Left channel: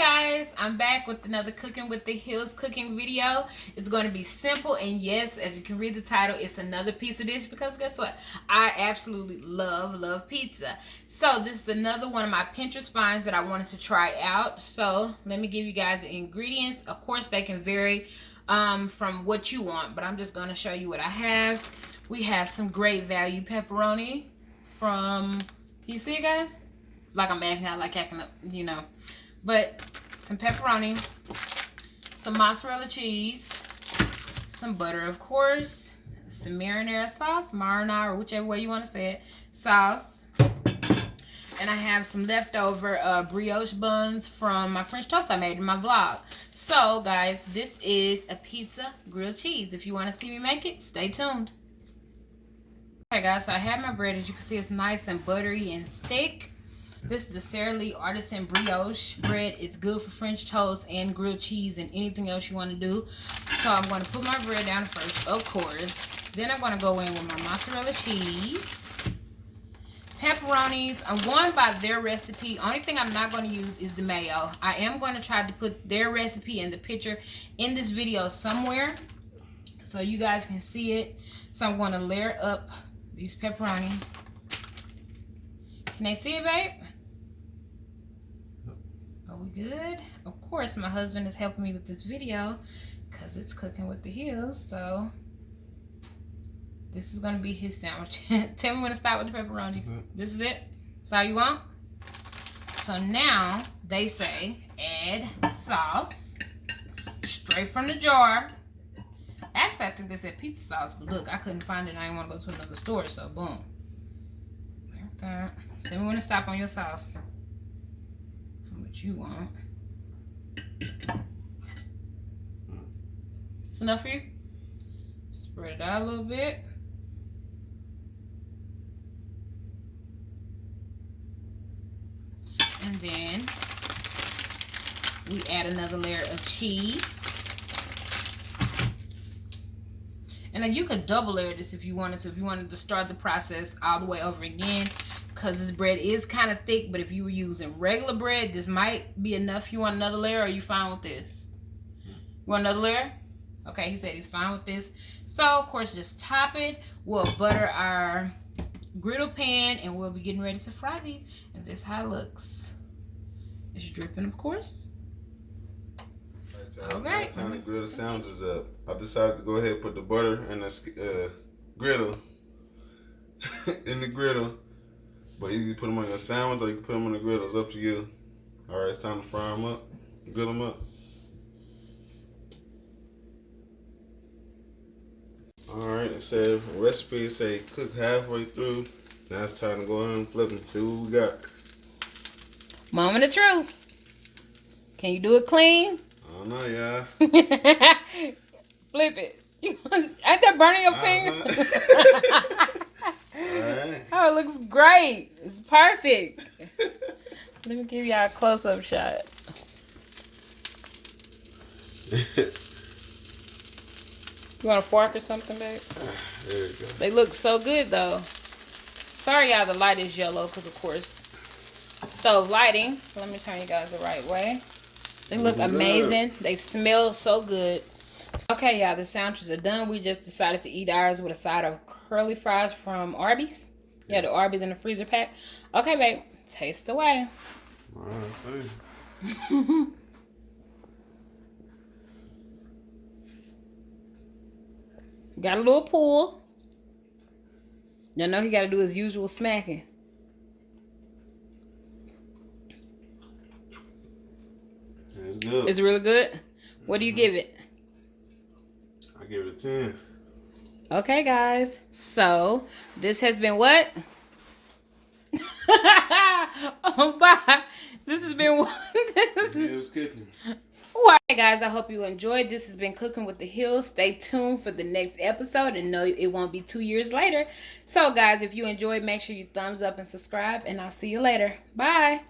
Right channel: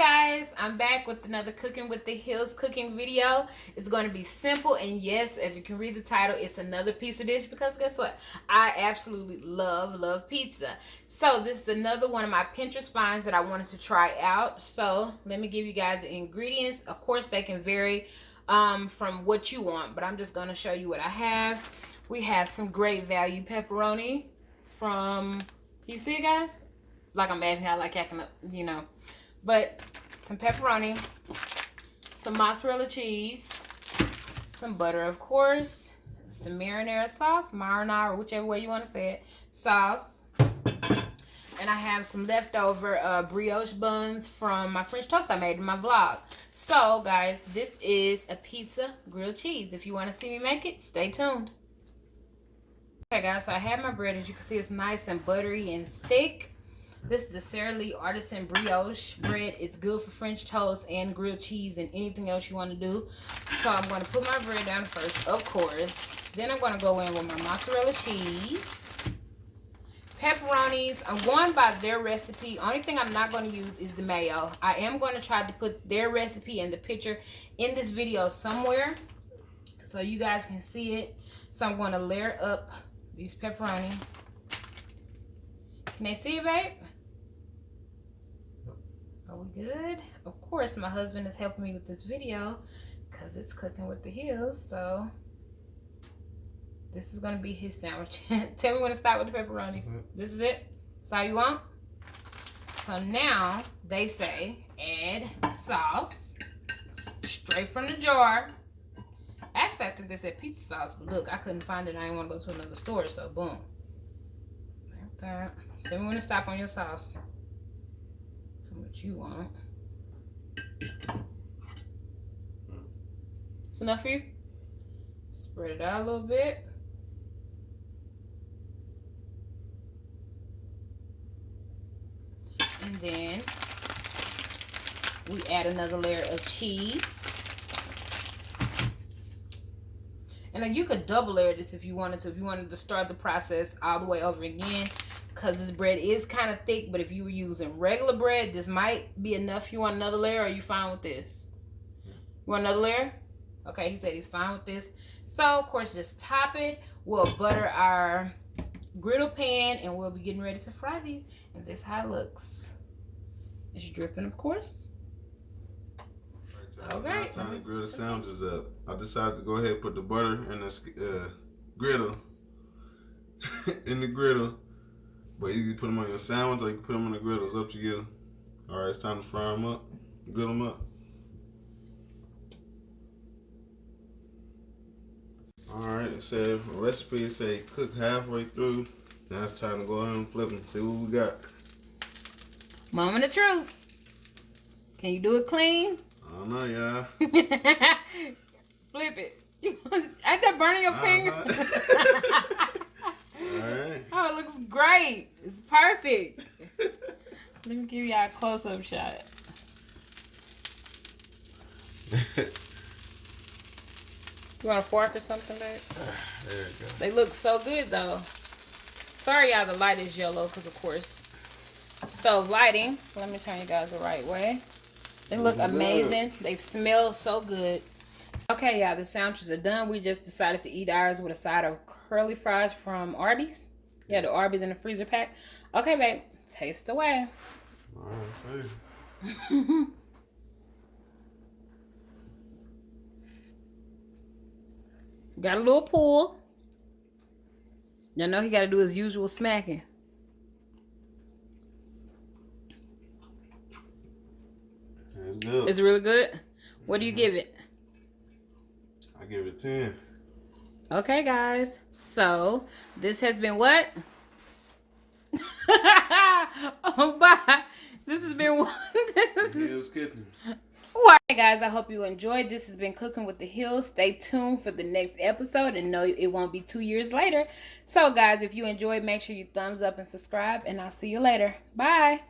Guys, I'm back with another Cooking with the Hills cooking video. It's going to be simple, and yes, as you can read the title, it's another pizza dish because guess what? I absolutely love pizza. So this is another one of my Pinterest finds that I wanted to try out. So let me give you guys the ingredients. Of course, they can vary from what you want, but I'm just going to show you what I have. We have some great value pepperoni from, you see it, guys? Like I'm acting out like acting up, you know. But some pepperoni, some mozzarella cheese, some butter, of course, some marinara sauce, marinara, whichever way you want to say it, sauce. And I have some leftover brioche buns from my French toast I made in my vlog. So, guys, this is a pizza grilled cheese. If you want to see me make it, stay tuned. Okay, guys, so I have my bread. As you can see, it's nice and buttery and thick. This is the Sara Lee Artisan Brioche bread. It's good for French toast and grilled cheese and anything else you want to do. So I'm going to put my bread down first, of course. Then I'm going to go in with my mozzarella cheese. Pepperonis, I'm going by their recipe. Only thing I'm not going to use is the mayo. I am going to try to put their recipe and the picture in this video somewhere so you guys can see it. So I'm going to layer up these pepperoni. Can they see it, babe? Are we good? Of course, my husband is helping me with this video because it's Cooking with the Hills. So this is going to be his sandwich. Tell me when to start with the pepperonis. This is it? That's all you want? So now they say add sauce straight from the jar. Actually, I think they said pizza sauce, but look, I couldn't find it. I didn't want to go to another store, so boom. Like that. Tell me when to stop on your sauce. How much you want. It's enough for you? Spread it out a little bit. And then we add another layer of cheese. And then you could double layer this if you wanted to. If you wanted to start the process all the way over again. Because this bread is kind of thick, but if you were using regular bread, this might be enough. You want another layer, or are you fine with this? You want another layer? Okay, he said he's fine with this. So, of course, just top it. We'll butter our griddle pan, and we'll be getting ready to fry these. And this is how it looks. It's dripping, of course. All right. Last time the griddle sandwiches up, I decided to go ahead and put the butter in the griddle. In the griddle. But you can put them on your sandwich or you can put them on the griddle. It's up to you. All right, it's time to fry them up. Grill them up. All right, it said recipe say cook halfway through. Now it's time to go ahead and flip them. See what we got. Moment of truth. Can you do it clean? I don't know, y'all. Flip it. Ain't that burning your finger? Alright. Oh, it looks great. It's perfect. Let me give y'all a close-up shot. You want a fork or something, babe? There we go. They look so good, though. Sorry, y'all, the light is yellow because, of course, stove lighting. Let me turn you guys the right way. They look amazing. They smell so good. Okay, y'all, the sandwiches are done. We just decided to eat ours with a side of curly fries from Arby's. Yeah, the Arby's in the freezer pack. Okay, babe, taste away. Got a little pull. Y'all know he got to do his usual smacking. It's good. It's really good. What do you give it? I give it a 10. Okay, guys. So, this has been what? Oh, bye. This has been what? Hills Kitchen. Alright, guys. I hope you enjoyed. This has been Cooking with the Hills. Stay tuned for the next episode and know it won't be 2 years later. So, guys, if you enjoyed, make sure you thumbs up and subscribe. And I'll see you later. Bye.